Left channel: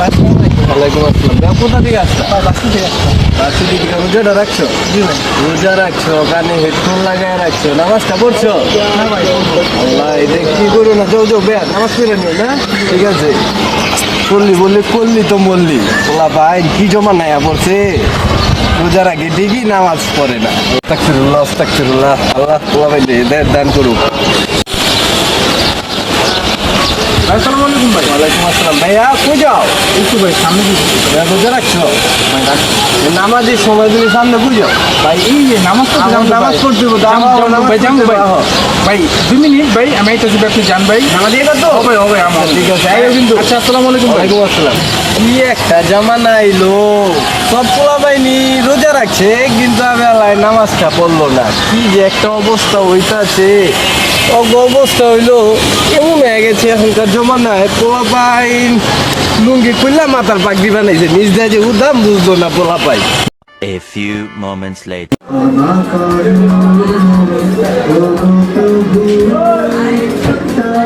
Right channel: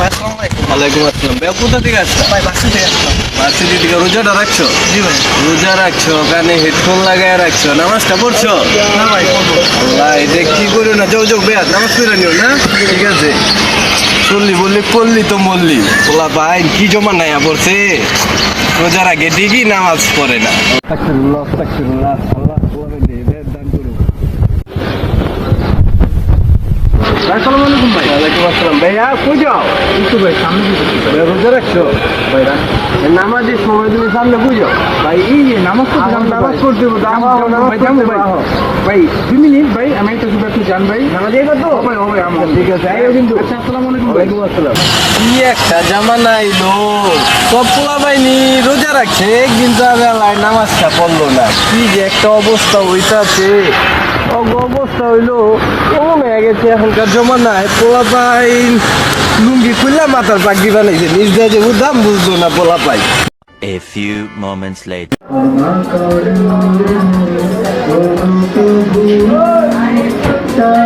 ওয়ালাইকুম আসসালাম। ভাই কোথা থেকে আসছো? ভাই বাক্স থেকে আসলাম। ভার্সিটি থেকে রোজাটা রাখছো? জি ভাই। রোজা রাখছো, কানে হেডফোন লাগায় রাখছো, নামাজটা পড়ছো? না ভাই করবো। ভাই দেখ কি করো না, যাও যাও বেয়াত নামাজ পড়ে নিও না, ঠিক আছে? চললি বললি করলি তো বললি, পোলা ভাই কি জমা নাই পড়ছে, রোজার আগে ঠিকই নামাজ পড়ে না। আস্তাগফিরুল্লাহ আস্তাগফিরুল্লাহ, আল্লাহ পোলা ভাই হেদায়েত দান করুক। আসসালামু আলাইকুম ভাই। ওয়ালাইকুম আসসালাম। ভাইয়া কো যাও? একটু ভাই সামনে দিকে। ভাইয়া রোজা রাখছো? নামাজের সময় তুমি সামনে বুঝো ভাই এই যে নামাজ তো নামাজ পড়তে হবে, ভাই যাবো ভাই। ভাই 2 মিনিট ভাই আমি এটা একটু জান ভাই। নামাজ এটা তো হবে হবে আমার। ঠিক আছে, আইও কিন্তু। আচ্ছা আসসালামু আলাইকুম ভাই। ওয়ালাইকুম আসসালাম। কি একটা জামানা আইলো, সব পোলা বাহিনী রোজা রাখছে কিন্তু বেলায় নামাজটা পড়লো না, কি যে একটা অবস্থা হইতাছে। অবস্থা হইলো এমন হয়ে গেছে এখনকার জমানায়, পোলা পাইন লুঙ্গি খুললা মাথার পাগড়ি বানাইছে, বুঝতে যে উদাম বুঝলো না পোলা পাই। A few moments later.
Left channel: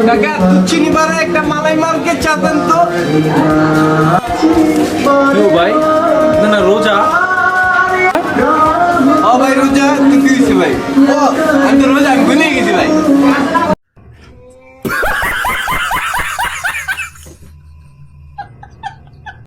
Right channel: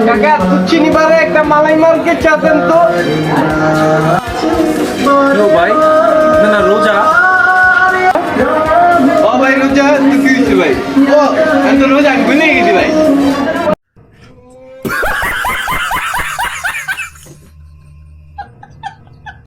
কাকা চিনি বারে একটা মালাই মারকে চা দেন তো। ভাই না না রোজা। ও ভাই রোজা তুই দিয়েছি ভাই। ও আমি তো রোজা আমি ভুলে গেছি ভাই।